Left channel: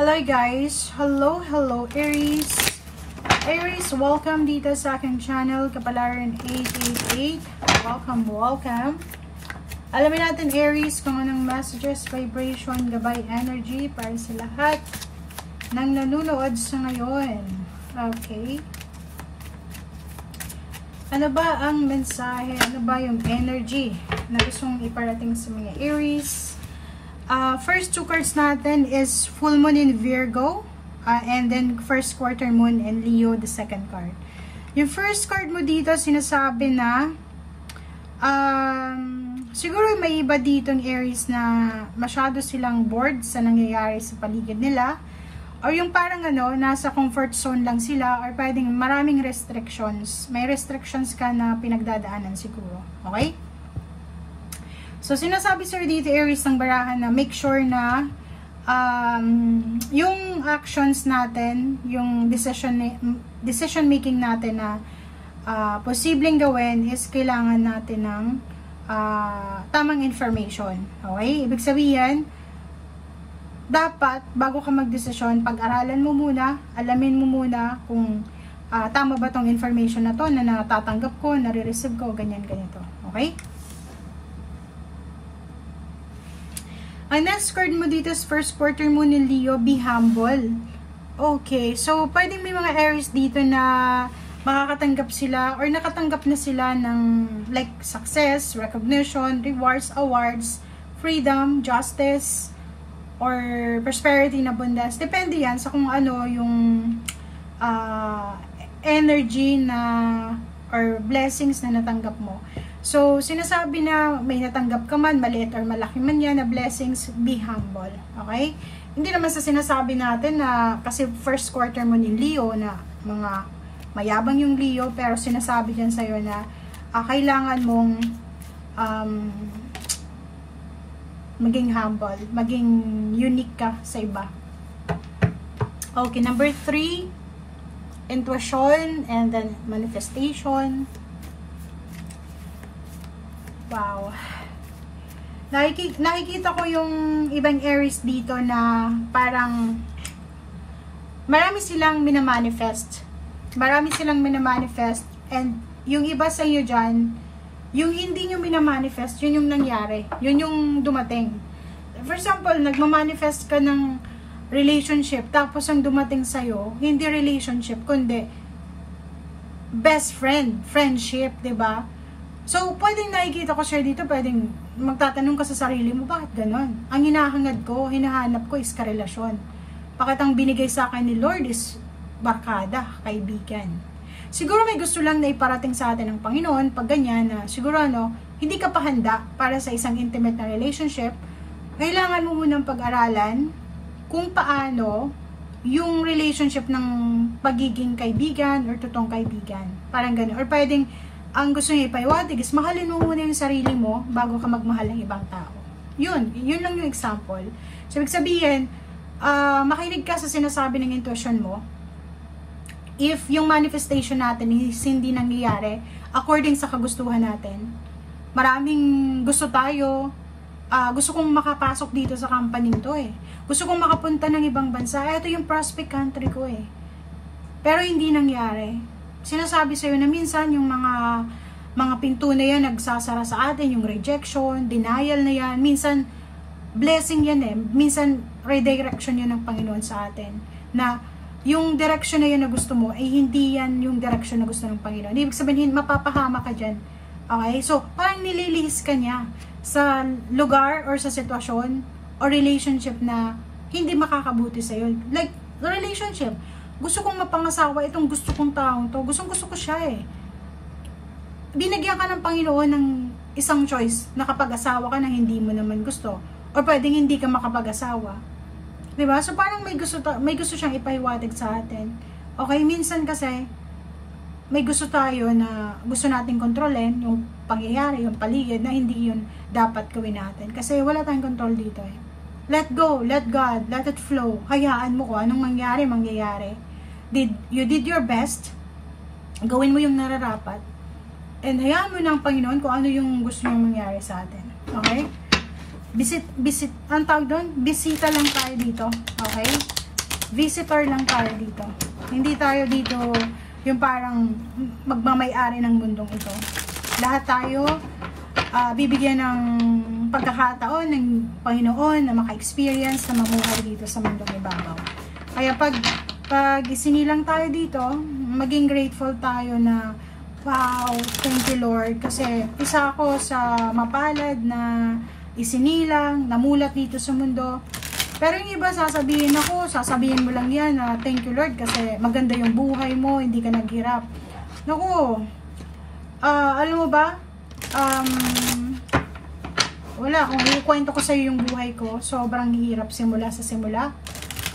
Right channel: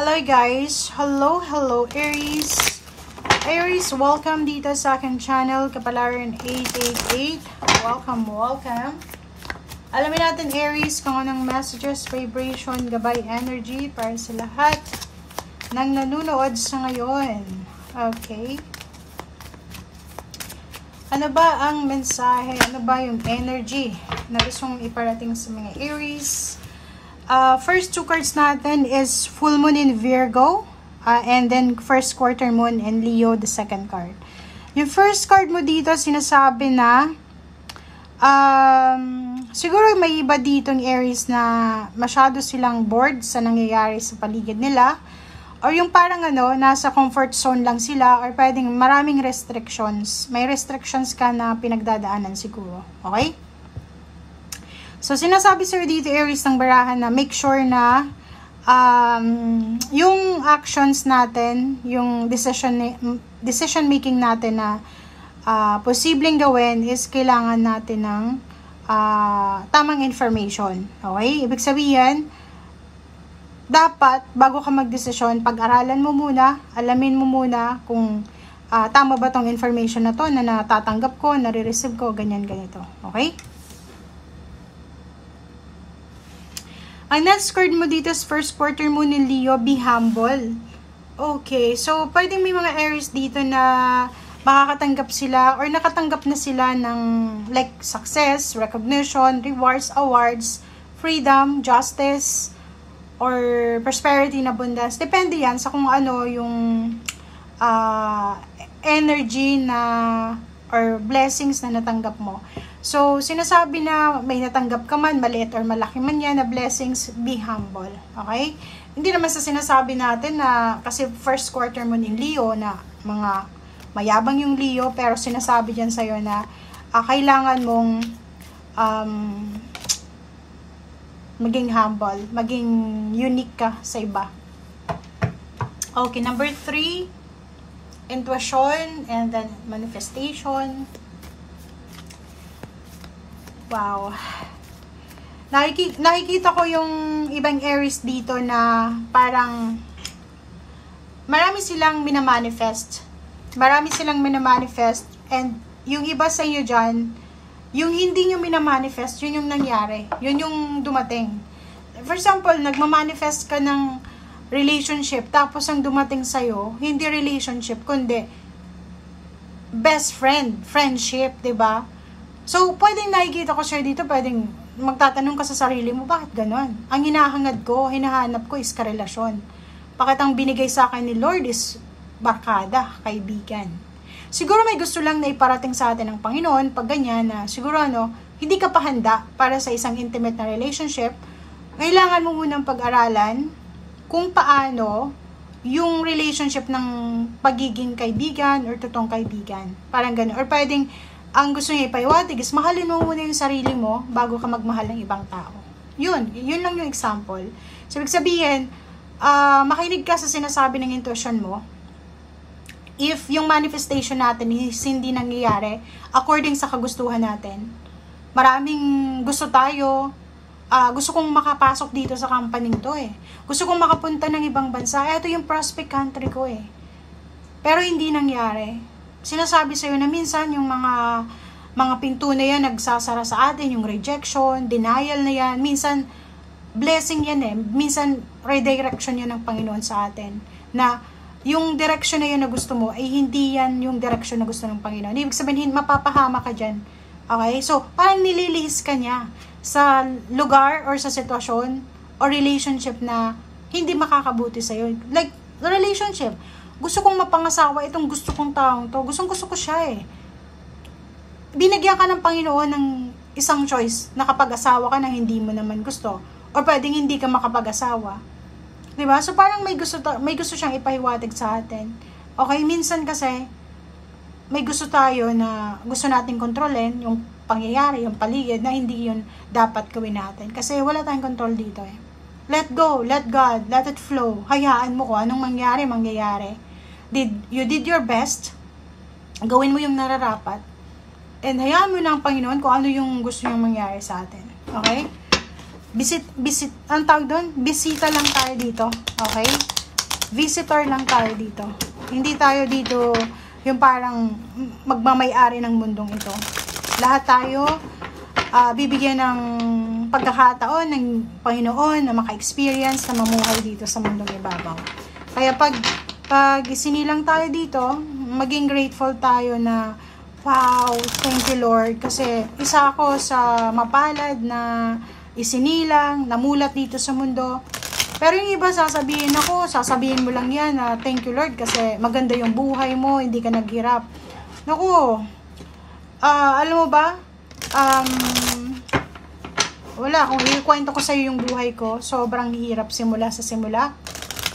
Hello guys! Hello Aries! Aries, welcome dito sa aking channel, Kapalaran 888. Welcome! Alamin natin Aries kung anong messages, vibration, gabay, energy para sa lahat ng nanonood sa ngayon. Okay? Ano ba ang mensahe? Ano ba yung energy na gustong iparating sa mga Aries? First two cards natin is full moon in Virgo, and then first quarter moon in Leo, the second card. Yung first card mo dito, sinasabi na siguro may iba dito ng Aries na masyado silang bored sa nangyayari sa paligid nila, or yung parang nasa comfort zone lang sila, or pwedeng maraming restrictions. May restrictions ka na pinagdadaanan siguro. Okay? So, sinasabi sa'yo dito, Aries, ng barahan na make sure na yung actions natin, yung decision making natin na posibleng gawin is kailangan natin ng tamang information. Okay? Ibig sabihin, dapat, bago ka magdesisyon, pag-aralan mo muna, alamin mo muna kung tama ba tong information na to, na natatanggap ko, nare-receive ko, ganyan, ganito. Okay? Ang next card mo dito is first quarter moon in Leo, be humble. Okay, so pwedeng may mga Aries dito na makakatanggap sila or nakatanggap na sila ng like success, recognition, rewards, awards, freedom, justice, or prosperity na abundance. Depende yan sa kung ano yung energy na or blessings na natanggap mo. So, sinasabi na may natanggap ka man, maliit or malaki man yan na blessings, be humble. Okay? Hindi naman sa sinasabi natin na, kasi first quarter mo ng Leo na mga mayabang yung Leo, pero sinasabi dyan sa'yo na kailangan mong maging humble, maging unique ka sa iba. Okay, number 3, intuition and then manifestation. Wow. Nakikita ko yung ibang Aries dito na parang marami silang minamanifest. And yung iba sa inyo dyan, yung hindi nyo minamanifest, yun yung nangyari. Yun yung dumating. For example, nagmamanifest ka ng relationship, tapos ang dumating sa'yo, hindi relationship, kundi best friend, friendship, diba? So, pwedeng nakikita ko sa'yo dito, pwedeng magtatanong ka sa sarili mo, bakit ganon? Ang hinahangad ko, hinahanap ko is karelasyon. Bakit ang binigay sa akin ni Lord is barkada, kaibigan. Siguro may gusto lang na iparating sa atin ng Panginoon, pag ganyan na siguro hindi ka pa handa para sa isang intimate na relationship, kailangan mo munang pag-aralan kung paano yung relationship ng pagiging kaibigan or totoong kaibigan. Parang gano'n. Or pwedeng ang gusto niya ipaiwatig is mahalin mo muna yung sarili mo bago ka magmahal ng ibang tao. Yun lang yung example. So, ibig sabihin, makinig ka sa sinasabi ng intuition mo. If yung manifestation natin is hindi nangyayari according sa kagustuhan natin, maraming gusto tayo, gusto kong makapasok dito sa company nito Gusto kong makapunta ng ibang bansa. Ito yung prospect country ko Pero hindi nangyari. Sinasabi sa'yo na minsan yung mga pinto na yan nagsasara sa atin, yung rejection, denial na yan, minsan blessing yan minsan redirection yan ng Panginoon sa atin, na yung direction na yun na gusto mo ay hindi yan yung direction na gusto ng Panginoon. Ibig sabihin, mapapahama ka dyan. Okay? So, parang nililihis ka niya sa lugar or sa sitwasyon or relationship na hindi makakabuti sa'yo. Like, relationship, gusto kong mapangasawa itong gusto kong taong to. Gusto ko siya Binigyan ka ng Panginoon ng isang choice na kapag-asawa ka na hindi mo naman gusto. Or pwedeng hindi ka makapag-asawa. Diba? So parang may gusto siyang ipahiwatig sa atin. Okay, minsan kasi may gusto tayo na gusto natin kontrolin yung pangyayari, yung paligid, na hindi yun dapat gawin natin. Kasi wala tayong control dito Let go, let God, let it flow. Hayaan mo kung anong mangyayari. You did your best. Gawin mo yung nararapat. And hayaan mo na ang Panginoon kung ano yung gusto niyang mangyari sa atin. Okay? Ang tawag doon, bisita lang tayo dito. Okay? visitor lang tayo dito. Hindi tayo dito yung parang magmamay-ari ng mundong ito. Lahat tayo bibigyan ng pagkakataon ng Panginoon na maka-experience na mamuhay dito sa mundong ibabaw. Kaya pag isinilang tayo dito, maging grateful tayo na wow, thank you Lord, kasi isa ako sa mapalad na isinilang, namulat dito sa mundo. Pero yung iba sasabihin mo lang yan na thank you Lord kasi maganda yung buhay mo, hindi ka naghirap. Naku, alam mo ba, wala, kung ikwento ko sa iyo yung buhay ko, sobrang hirap simula sa simula.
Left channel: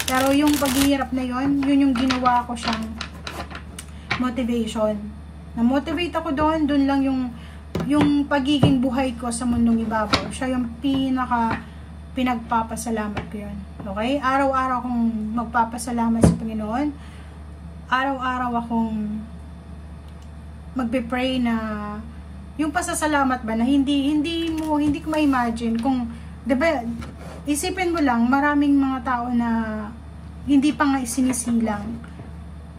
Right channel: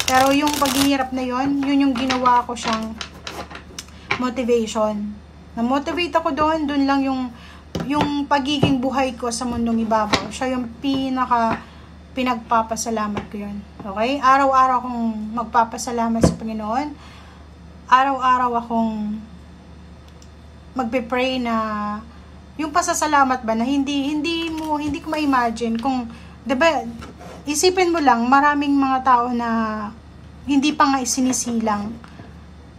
Pero yung paghihirap na yun yung ginawa ko siyang motivation. Na-motivate ako doon lang yung pagiging buhay ko sa mundong ibabaw. Siya yung pinagpapasalamat ko yun. Okay? Araw-araw akong magpapasalamat sa Panginoon. Araw-araw akong magbe-pray na yung pasasalamat ba na hindi ko ma-imagine kung, diba, isipin mo lang, maraming mga tao na hindi pa nga isinisilang,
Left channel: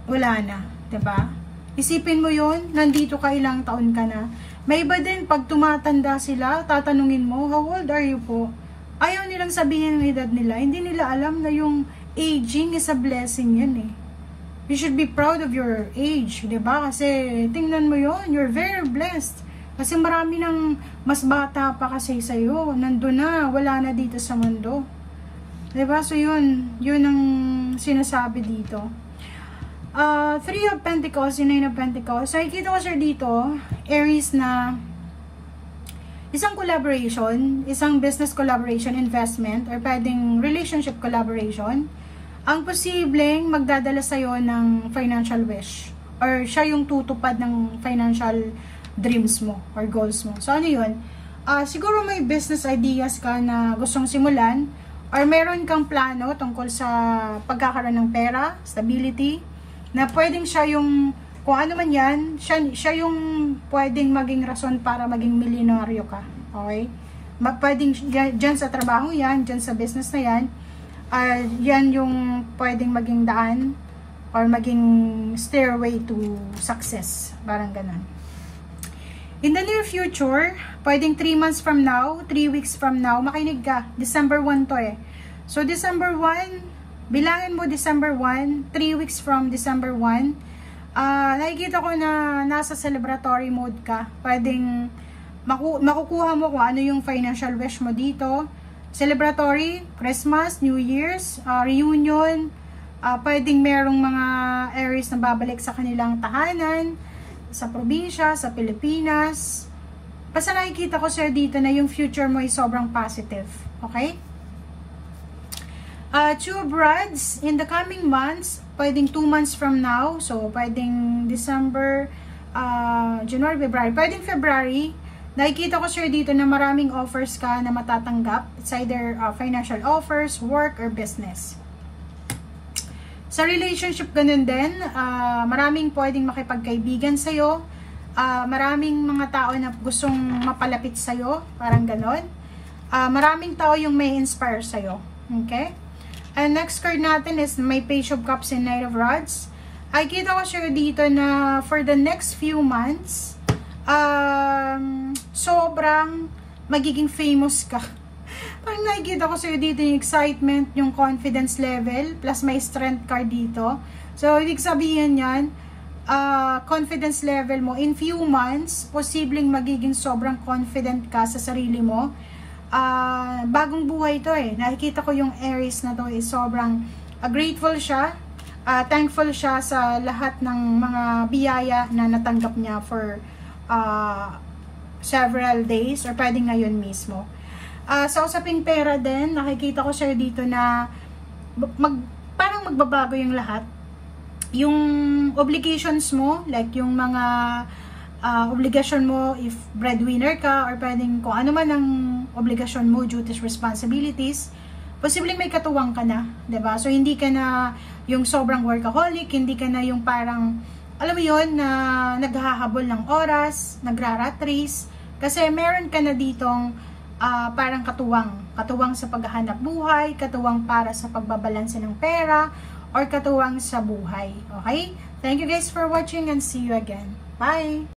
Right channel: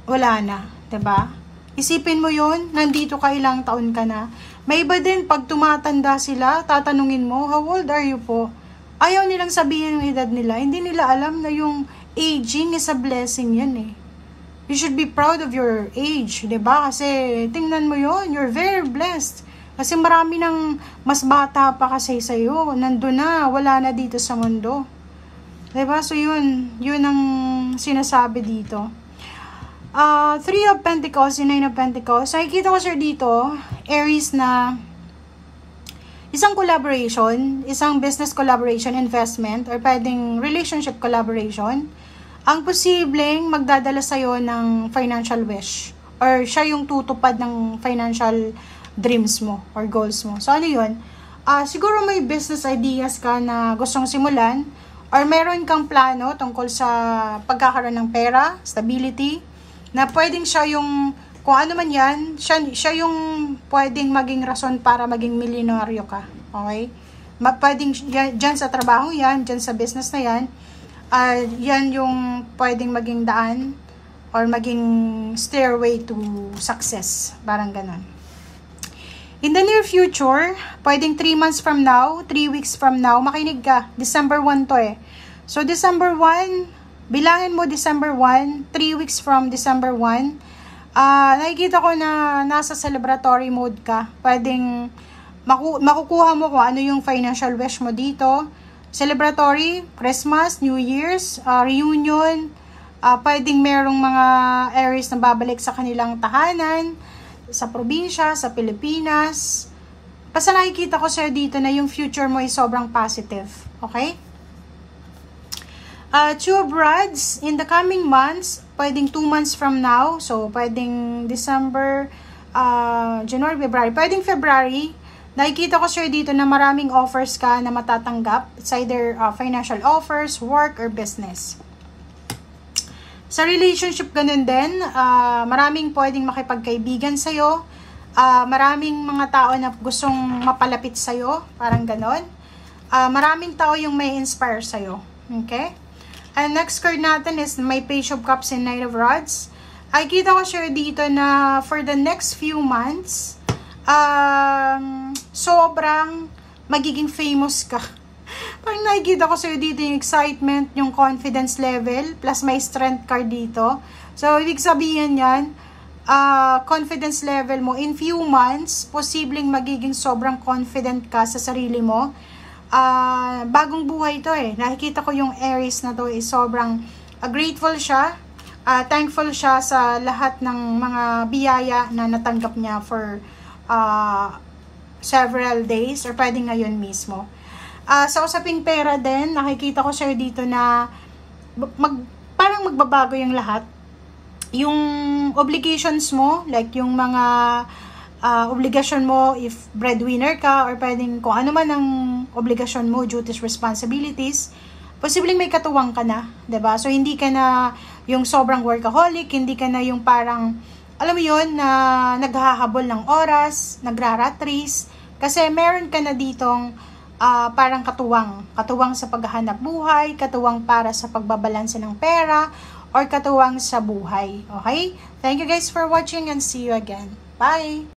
wala na, diba? Isipin mo yon, nandito ka, ilang taon ka na. May iba din, pag tumatanda sila, tatanungin mo, how old are you po? Ayaw nilang sabihin yung edad nila. Hindi nila alam na yung aging is a blessing yan eh. You should be proud of your age, diba? Kasi tingnan mo yon, you're very blessed. Kasi marami ng mas bata pa kasi sa'yo. Nandun na, wala na dito sa mundo. Diba? So yun ang sinasabi dito. 3 of Pentacles, 9 of Pentacles. So, nakikita ko sir dito, Aries na isang collaboration, isang business collaboration, investment, or pwedeng relationship collaboration, ang posibleng magdadala sa'yo ng financial wish. Or siya yung tutupad ng financial dreams mo or goals mo. So, ano yun? Siguro may business ideas ka na gustong simulan, or meron kang plano tungkol sa pagkakaroon ng pera, stability, na pwedeng siya yung, kung ano man yan, siya yung pwedeng maging rason para maging milyonaryo ka. Okay? Pwedeng dyan sa trabaho yan, dyan sa business na yan, yan yung pwedeng maging daan or maging stairway to success. Parang ganun. In the near future, pwedeng 3 months from now, 3 weeks from now, makinig ka. December 1 to eh. So, December 1, bilangin mo December 1, 3 weeks from December 1, nakikita ko na nasa celebratory mode ka. Pwedeng makukuha mo kung ano yung financial wish mo dito. Celebratory, Christmas, New Year's, reunion, pwedeng merong mga Aries na babalik sa kanilang tahanan, sa probinsya, sa Pilipinas. Basta nakikita ko sa'yo dito na yung future mo ay sobrang positive. Okay? 2 of Rods, in the coming months, pwedeng 2 months from now, so pwedeng December, January, February, pwedeng February, nakikita ko sir dito na maraming offers ka na matatanggap. It's either financial offers, work, or business. Sa relationship, ganun din, maraming pwedeng makipagkaibigan sa'yo, maraming mga tao na gustong mapalapit sa'yo, parang ganun. Maraming tao yung may inspire sa'yo. Okay? And next card natin is may Page of Cups and Knight of Rods. Ay kita ko sure dito na for the next few months, sobrang magiging famous ka. Pag nakikita ko sure dito yung excitement, yung confidence level, plus may strength card dito. So, ibig sabihin yan, confidence level mo in few months, posibleng magiging sobrang confident ka sa sarili mo. Bagong buhay to eh. Nakikita ko yung Aries na to eh, sobrang grateful siya, thankful siya sa lahat ng mga biyaya na natanggap niya for several days or pwede ngayon mismo. Sa usaping pera din, nakikita ko siya dito na parang magbabago yung lahat. Yung obligations mo, like yung mga obligasyon mo if breadwinner ka or pwedeng kung ano man ang obligasyon mo, duties, responsibilities, posibleng may katuwang ka na, diba? So, hindi ka na yung sobrang workaholic, hindi ka na yung parang, alam mo yun, na naghahabol ng oras, nagra-rat race, kasi meron ka na ditong katuwang sa paghahanap buhay, katuwang para sa pagbabalanse ng pera, or katuwang sa buhay. Okay? Thank you guys for watching and see you again. Bye!